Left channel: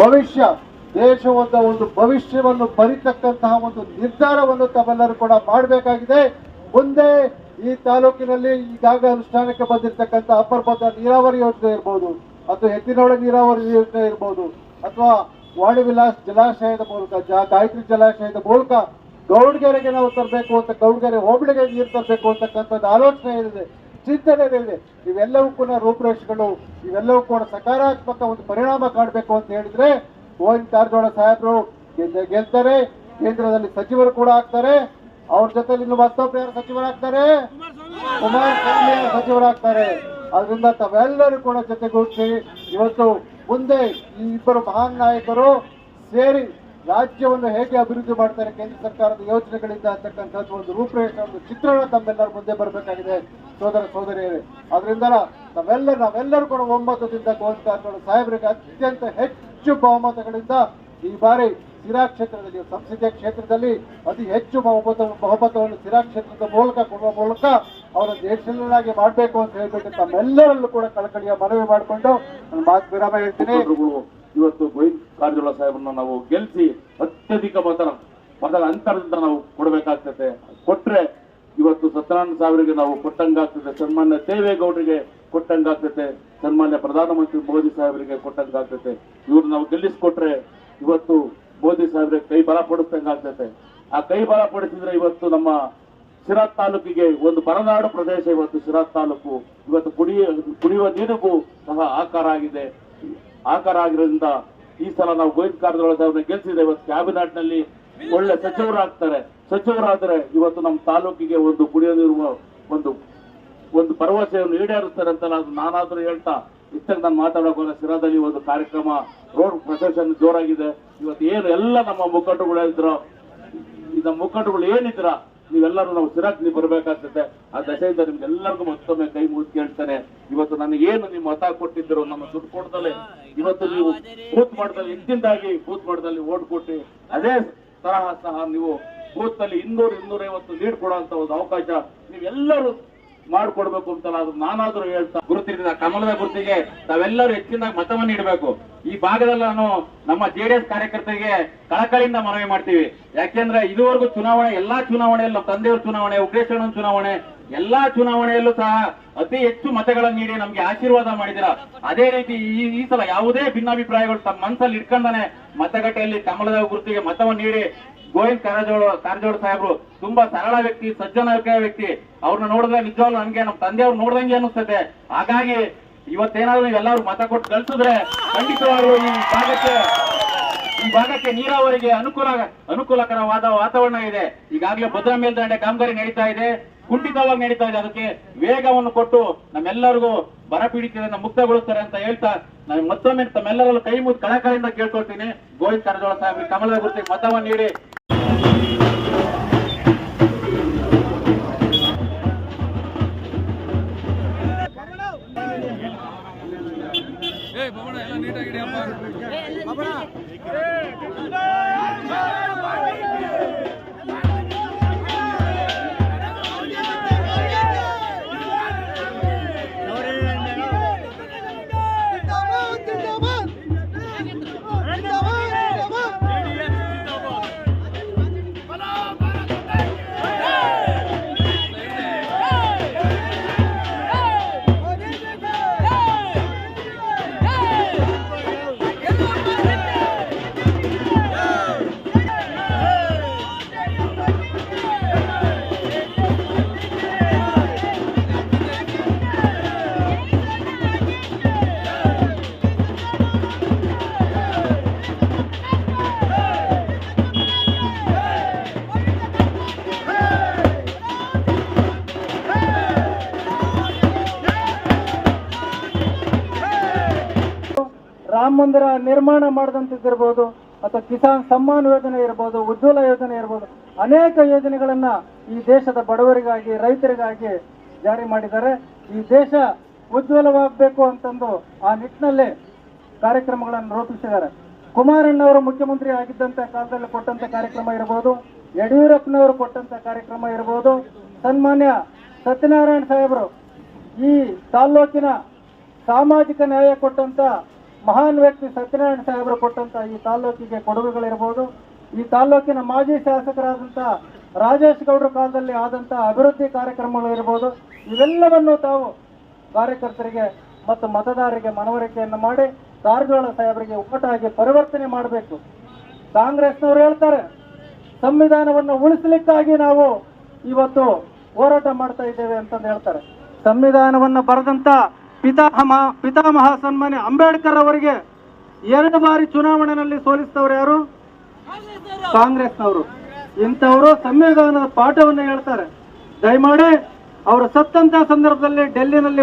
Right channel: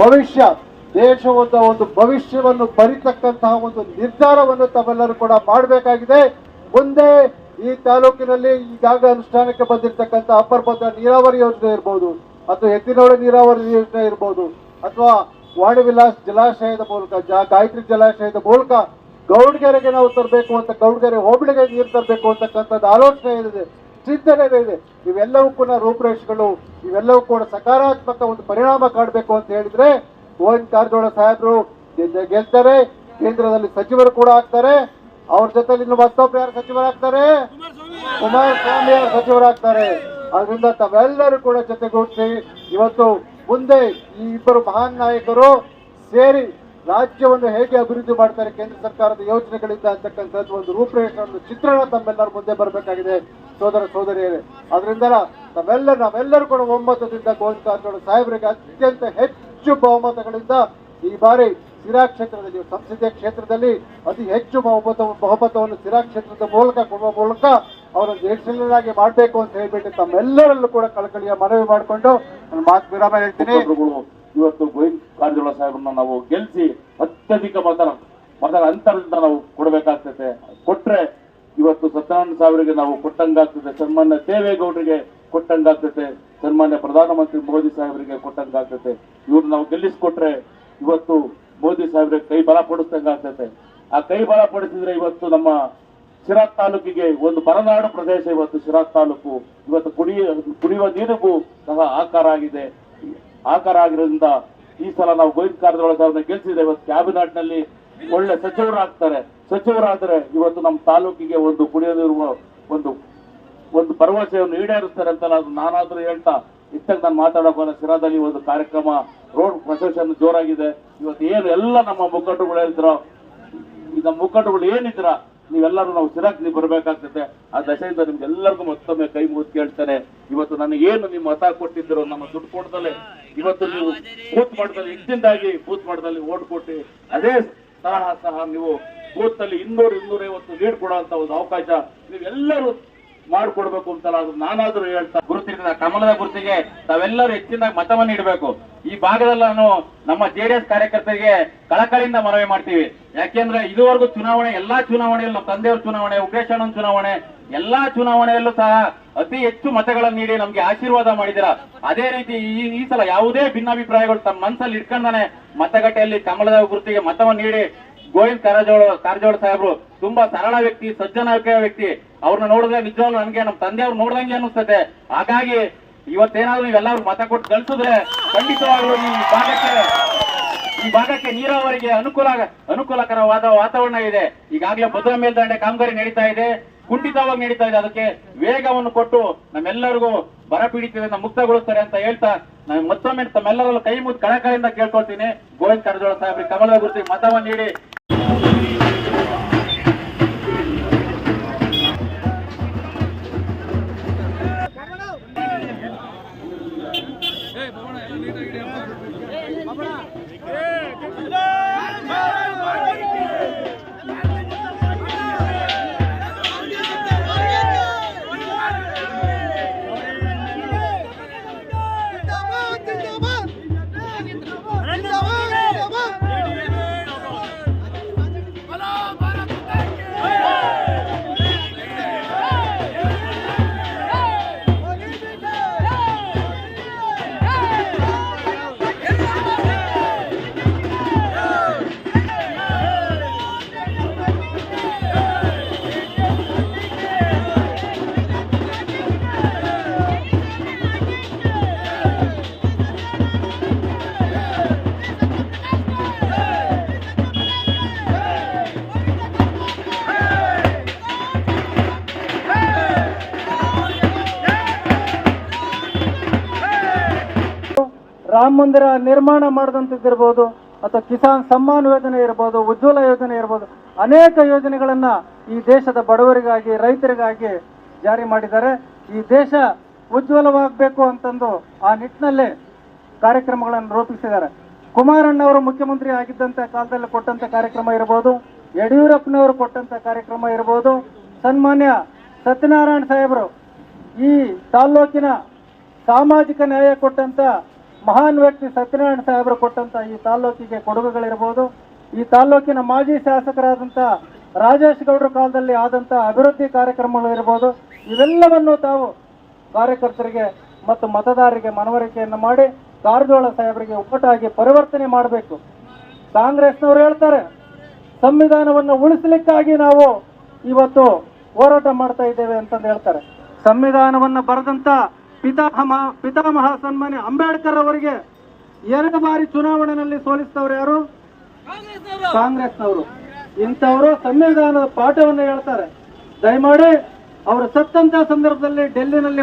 ಭವಿಷ್ಯ ದೇಶದ ಒಂದು ಭವಿಷ್ಯವನ್ನು ಬರಿತಕ್ಕಂತಹ ಒಂದು ನಿರ್ಧಾರವನ್ನು ತಾವೆಲ್ಲರೂ ಕೂಡ ಮಾಡಬೇಕಾಗಿದೆ. ಮುಂದೆ ಈ ತಾಲೂಕಿನಲ್ಲಿ ಈಗಾಗಲೇ ಅನುಷ್ಠಾನಕ್ಕೆ ಬಂದಿರತಕ್ಕಂಥ ಅಪ್ಪರ್ ಭದ್ರಾ ನೀರಾವರಿ ಯೋಜನೆ ಇರ್ಬೋದು ಅಥವಾ ಎತ್ತಿನೋಳ ನೀರಾವರಿ ಯೋಜನೆ ಇರ್ಬೋದು, ಅಥವಾ ವಾಣಿ ವಿಲಾಸ್ ಜಲಾಶಯದ ಮೂಲಕ ಗಾಯತ್ರಿ ಜಲಾಶಯದ ಮೂಲಕ ಗೌಡ್ಗೆರೆಗೆ ನಾವು ತರಬೇಕು ಅಂತ, ಗೌಡ್ಗೆರೆ ಹೋಬಳಿಗೆ ನೀರು ತರಬೇಕು ಅಂತಕ್ಕಂಥದ್ದು ಆಲೋಚನೆ ಇದೆ ಚಿಂತನೆ ಇದೆ ಇವೆಲ್ಲವೂ ಕೂಡ ರೂಪುರೇಷೆಗಳು, ಇವೆಲ್ಲವೂ ಕೂಡ ಸಕಾರಾತ್ಮಕ ಒಂದು ಪರಿಣಾಮ ಕಾಣಬೇಕು ಅಂತ ಹೇಳಿದ್ರೆ ಗೋವಿಂದ ಕಾರಜೋಳ ಸಾಹೇಬರು ಗೆಲ್ತಾರೆ ಕೇಂದ್ರದಲ್ಲಿ ಸಚಿವರು ಕೂಡ ಆಗ್ತಾರೆ. ಅವ್ರ ಜೊತೆಲಿ ಇನ್ನು ಮತ್ತೊಬ್ಬರು ಯಾರು ಸಚಿವರಾಗ್ತಾರೆ ಕುಮಾರಸ್ವಾಮಿ ಅವರು ಸಚಿವರಾಗ್ತಾರೆ ಅದರಿಂದ ತಾವೆಲ್ಲರೂ ಕೂಡ ಜೊತೆಗೂಡಿಸಿ, ಇವತ್ತು ಮುಂದೆ ಈ ಇಬ್ಬರು ಮಹಾನ್ ನಾಯಕರು ಸೇರಿ ರಾಜ್ಯವನ್ನು ಹೇಗೆ ಅಭಿವೃದ್ಧಿ ಮಾಡ್ತಾರೆ ಕೇಂದ್ರ ಸರ್ಕಾರದ ಯೋಜನೆಗಳಿಂದ ಅಂತಕ್ಕಂಥದ್ದು ಒಂದು ರೂಪರೇಖೆ, ಒಂದು ಚಿತ್ರಣ ತಮ್ಮೆಲ್ಲರ ಮುಂದೆ ಬರಬೇಕಾಗಿದೆ. ಸೋದರ, ಸೋದರಿಯರೇ ಅದರಿಂದ ತಮ್ಮೆಲ್ಲ ನಾವೆಲ್ಲರೂ ಕೂಡ ಒಮ್ಮತದಿಂದ ಕಾರಜೋಳ ಸಾಹೇಬರಿಗೆ ಅತ್ಯಂತ ಹೆಚ್ಚು ಬಹುಮತಗಳಿಂದ ಈ ಬಾರಿ ಸಿರಾ ಕ್ಷೇತ್ರದಲ್ಲಿ, ಸಂಸದೀಯ ಕ್ಷೇತ್ರದಲ್ಲಿ ಅತಿ ಹೆಚ್ಚು ಬಹುಮತ, ಬಹುಮತವನ್ನು ಸಿರಾ ಕ್ಷೇತ್ರದ ಮೂಲಕ ಕೊಡುವ ಮೂಲಕ ಅವರ ದೇಶನಾಗಿ ಮಾಡಬೇಕು ಅಂತ ಹೇಳ್ಬಿಟ್ಟು ತಮ್ಮೆಲ್ಲರಲ್ಲೂ ಕೂಡ ಕಳಕಳಿಯ ಮನವಿ ಮಾಡಿಕೊಂಡು ನಾನು ಮಾತು ವಿರಾಮ ಹೇಳ್ತೀನಿ. ಇವತ್ತು ಗೋವಿಂದ ಕಾರಜೋಳ ಸಾಹೇಬ್ರನ್ನ ನಾವು ಗೆಲ್ಲಿಸಿ ಅತ್ಯಧಿಕ ಮತನ ಮತದ ಅಂತರದಿಂದ ನಾವು ಕೊಡಬೇಕಾಗ್ತದೆ. ಕೊಟ್ರೆ ಇವತ್ತು ಸತ್ಯನಾರಾಯಣ ಸಾಹೇಬರಿಗೆ ನಾವು ಕೊಟ್ಟಂಗಾಗ್ತದೆ. ಸನ್ಮಾನ್ಯ ದೇವೇಗೌಡರಿಗೆ ಕೊಟ್ಟಂಗಾಗ್ತದೆ. ಸನ್ಮಾನ್ಯ ಪ್ರಧಾನಮಂತ್ರಿ ಮೋದಿ ಸಾಹೇಬರಿಗೆ ಕೊಟ್ಟಂಗಾಗ್ತದೆ. ಇವ್ರು ನಾವು ಗೆಲ್ಲಿಸ್ಕೊಟ್ರೆ ಇವತ್ತು ಮೋದಿ ಸಾಹೇಬ್ರಿಗೆ ಕೈ ಬಲ ಪಡಿಸ್ದಂಗಾಗ್ತದೆ ಆ ಕೈ ಬಲ ಪಡಿಸಿದ್ರೆ ಇವತ್ತು ನಮ್ಮ ಸಿರಾತ್ ತಾಲೂಕಿಗೆ ಒಂದು ಬರನಾಡು ಪ್ರದೇಶ ಇವತ್ತು ಸಿರಾತ್ ತಾಲೂಕು. ಇವತ್ತು ಕುಡಿಯ, ಕುಡಿಯುವ ನೀರಿಗೂ ಸಹ ಆಕಾರ ಆಗಿದೆ. ಆಕಾರ ಆಗಿರೋದ್ರಿಂದ ಈ ಸಲ ನಾವು ಗೋವಿಂದ ಕಾರಜೋಳ ಅವ್ರನ್ನ ಗೆಲ್ಸಿದ್ದೇವೆ ಕ್ಯಾಬಿನೆಟ್ನಲ್ಲಿ ಒಳ್ಳೆ ಸಚಿವರಾಗ್ತಾರೆ. ಸಚಿವರಾದ್ರೆ ಇವತ್ತು ನಮ್ಮ ತಾಲೂಕಿಗೆ ಒಂದು ಕುಡಿಯೋದಿರುವ ಒಂದು ಒಂದು ಭರವಸೆಯನ್ನು ಈಡೇರಿಸ್ತಾರೆ ಅಂತ ನಾನು ನಾನಾದ್ರೂ ಹೇಳ್ತಾ, ಇತ್ತಾಗ ನಾನು ಮಾತಾಡೋಕೆ ಸಿರಾದಲ್ಲಿ ಒಂದು ಕಾರ್ಯಕ್ರಮ, ರೋಡ್ ಪ್ರೊಸೆಷನ್ ಜೋರಾಗಿದೆ. ಇವತ್ತು ಏನು ಎಲ್ಲ ನಮ್ಮ ಮುಖಂಡರುಗಳು ಹೇಳಿದ್ರು ನಮ್ಮ ಮುಖಂಡರುಗಳು ಏನಿದ್ರ ನೀವೆಲ್ಲರೂ ನಾವು ನೀವು ಬರಬೇಕಾಗ್ತದೆ. ಆ ದಶೆಯಿಂದ ನಿಮ್ಗೆ ಎಲ್ಲರಿಗೂ ಮತ್ತೊಮ್ಮೆ ಕೈ ಮುಗಿದು ಕೇಳ್ತಾನೆ. ಇವತ್ತು ನನಗೇನು ನಿಮ್ಮ ಮತ ಕೊಟ್ಟಿದ್ರು ನಮ್ಮ ದುಡ್ಡು ಕೊಡ್ದಲೆ ಇವತ್ತು ನೀವು ಬೂತ್ ಮಟ್ಟದಲ್ಲಿ ಹಿಂದಿಂದಾಗಿ ಬೂತ್ ಮಟ್ಟದಲ್ಲಿ ಓಟ್ ಕೊಟ್ಟು, ಅದೇ ತರಹ ಸಹ ನೀವು ಬೂತ್ನಲ್ಲಿ ಇನ್ನೂರು ಇನ್ನೂರೈವತ್ತು ಲೀಡ್ ಕೊಡುವಂತ ಒಂದು ಅವಕಾಶ ನೀವೆಲ್ಲರೂ ಮಾಡ್ಕೊಡ್ಬೇಕು ಅಂತ ನಾನಾದ್ರೂ ಹೇಳ್ತಾ ಗುರುತಿನ ಕಮಲದ ಗುರುತಿಗೆ ತಾವೆಲ್ಲರೂ ಹೆಚ್ಚಿನ ಮತವನ್ನು ನೀಡಬೇಕು. ಈ ಭಾಗದಲ್ಲಿ ನಾನು ನಮ್ಮ ಜೆಡಿಎಸ್ ಕಾರ್ಯಕರ್ತರಿಗೆ ಕಳಕಳಿಯಿಂದ ಮನವಿ ಮಾಡ್ತೀವಿ. ಯಾಕೆಂದ್ರೆ ಇದುವರೆಗೂ ಚುನಾವಣೆ, ಎಲ್ಲಾ ಚುನಾವಣೆಯಲ್ಲೂ ನಮ್ಮ ತಂದೆಯವ್ರ ಚುನಾವಣೆ ಉಗ್ರೇಶಣ್ಣನ ಚುನಾವಣೆ, ಎಲ್ಲಾ ಚುನಾವಣೆಯಲ್ಲೂ ಸಹ ಅತಿ ಹೆಚ್ಚು ಮತಗಳನ್ನು ನೀಡಿ ನಮ್ಗೆ ಆಶೀರ್ವಾದ ಮಾಡಿದಿರ ಅದೇ ರೀತಿ ಈ ಈ ಸಲ ಯಾವುದೇ ಭಿನ್ನಾಭಿಪ್ರಾಯಗಳು ತಮ್ಮ ಮನಸ್ಸಲ್ಲಿ ಇಟ್ಕೊಂಡಾನೆ ಮತಗಟ್ಟೆಯಲ್ಲಿ ಕಮಲದ ಗುರುತಿಗೆ ಮತವನ್ನು ನೀಡಿ ಗೋವಿಂದ್ ಕಾರಜೋಳ ಕಾರಜೋಳ ಸಾಹೇಬ್ರು ತುಂಬಾ ಸರಳ ವ್ಯಕ್ತಿ ಸಜ್ಜನ ವ್ಯಕ್ತಿ. ಅವ್ರನ್ನ ನೋಡಿದ್ರೆ ನಿಜವಾಗ್ಲೂ ನನ್ಗೆ ನಮ್ಮ ತಂದೆಯವ್ರು ನೋಡ್ದಂಗೆ ಅನಿಸ್ತದೆ ಹಾಗಾಗಿ ಇವತ್ತೇನಾದ್ರೂ ನೀವೆಲ್ಲರೂ ಮತ ಕೊಟ್ಟು ಕಳ್ಸಿದ್ರೆ ಖಂಡಿತವಾಗ್ಲೂ ಈ ಭಾಗಕ್ಕೆ ಈ ಭಾಗಕ್ಕೆ ನೀರಾವರಿಗೆ ಅನುಕೂಲ ಅನುಕೂಲಕರವಾದ ವಾತಾವರಣ ಇದೆ. ಈಗಾಗಲೇ ಭದ್ರಾ ಮೇಲ್ದಂಡೆ ಕಾಮಗಾರಿ ನಡೀತಾ ಇದೆ. ಕುಂಠಿತವಾಗಿ ನಡೀತಾ ಇದೆ. ಅದಕ್ಕೆ ವೇಗವನ್ನು ಕೊಟ್ಟು ನಮ್ಮೆಲ್ಲರಿಗೂ ಬರ ಪೀಡಿತದಿಂದ ಮುಕ್ತಗೊಳಿಸ್ತಾರೆ ಅಂತ ಹೇಳ್ತಾ ನಾನು ಮತ್ತೊಮ್ಮೆ ತಮ್ಮೆಲ್ಲರಲ್ಲೂ ಕೈ ಮುದ್ದು ಕಳಕಳಿಯಿಂದ ಕೇಳ್ಕೊಳ್ತೀನಿ. ಗೋವಿಂದ ಕಾರಜೋಳ ಸಾಹೇಬ್ರಿ ಕಮಲದ ಗುರುತಿಗೆ ಮತವನ್ನು ನೀಡಿ. ಏ ಭವನ ಎಲ್ಲ ನೀಟಾಗಿ ರಾಮ ಮಂದಿರ ನಿರ್ಮಾಣ ಮಾಡಿದಂಥದ್ದಿರ್ಬೋದು ಅಥವಾ ಕಿಸಾನ್ ಸಮ್ಮಾನ್ ಯೋಜನೆ ಇರ್ಬೋದು, ಉಜ್ವಲ ಯೋಜನೆ ಇರ್ಬೋದು, ಅನೇಕ ಯೋಜನೆಗಳನ್ನು ಈ ದೇಶದ ಬಡವರಿಗಾಗಿ, ರೈತರಿಗಾಗಿ ಜಾರಿ ಮಾಡಿದ್ದಾರೆ. ಈ ದೇಶ ಉಜ್ವಲವಾಗಬೇಕು ಅಂತಂದು ಆ ನಿಟ್ಟಿನಲ್ಲೇ ಕಾರ್ಯಕ್ರಮಗಳನ್ನು ರೂಪಿಸಿದ್ದಾರೆ. ಕುಮಾರಣ್ಣವರು ಮುಖ್ಯಮಂತ್ರಿ ಆಗಿದ್ದಂತ ಕಾಲದಲ್ಲಿ ಕೊಟ್ಟಂತ ಕಾರ್ಯಕ್ರಮ ಇರಬಹುದು ಯಡಿಯೂರಪ್ಪನವರು ಕೊಟ್ಟಂತ ಕಾರ್ಯಕ್ರಮ ಇರಬಹುದು ಸನ್ಮಾನ್ಯ ಸತ್ಯನಾರಾಯಣ ಸಾಹೇಬರು ಈ ತಾಲ್ಲೂಕಿನ ಸಾಮಾಜಿಕ ನ್ಯಾಯ ಕೊಟ್ಟಂತ ಮಹಾನ್ ವ್ಯಕ್ತಿ ಸತ್ಯನಾರಾಯಣ ಸಾಹೇಬರು ಕೊಟ್ಟಂತ ಈ ತಾಲ್ಲೂಕಿಗೆ ಕೊಡುಗೆಗಳಿರ್ಬೋದು. ಈ ತಾಲ್ಲೂಕಿನ ಮಾಜಿ ಶಾಸಕರಾದಂಥ ರಾಜೇಶ್ ಗೌಡರ ಕಾಲದಲ್ಲಿ ಆದಂಥ ಅಭಿವೃದ್ಧಿ ಕಾರ್ಯಕ್ರಮಗಳು ಇರ್ಬೋದು. ಇವೆಲ್ಲವನ್ನು ತಾವು ಕಾರ್ಯಕರ್ತರಿಗೆ ಮತ್ತು ಮತದಾರರಿಗೆ ಮನವರಿಕೆಯನ್ನು ಮಾಡಿ ಕಾರಜೋಳ ಸಾಹೇಬರಿಗೆ ಒಟ್ಟಾಗಿ ಪರಿವರ್ತನೆ ಮಾಡಬೇಕು. ಕಾಂಗ್ರೆಸ್ನವರು ಹೇಳ್ತಾರೆ, ಸಂವಿಧಾನವನ್ನು ಉಳಿಸಲಿಕ್ಕಾಗಿ ನಾವು ಇವತ್ತು ಹೋರಾಟ ಮಾಡ್ತಾ ಇದ್ದೇವೆ ಅಂತಂದು ಹೇಳ್ತಾರೆ. ಸಂವಿಧಾನವನ್ನು ಬರೆದಂತ ಪಿತಾಮಹ ಪಿತಾಮಹ ಸನ್ಮಾನ್ಯ ಅಂಬೇಡ್ಕರ್ ಅವರಿಗೆ ಎರಡು ಬಾರಿ ಚುನಾವಣೆಯಲ್ಲಿ ಸೋಲಿಸಿದವರು ಯಾರು? ಕಾಂಗ್ರೆಸ್ನವರು. ಇಂಥವರು ಸಂವಿಧಾನದ ಪಾಠವನ್ನು ಹೇಳ್ತಾರೆ. ದಯಮಾಡಿ ಅವರು ಸತ್ತಂತ ಸಂದರ್ಭದಲ್ಲಿ ಡೆಲ್ಲಿನಲ್ಲಿ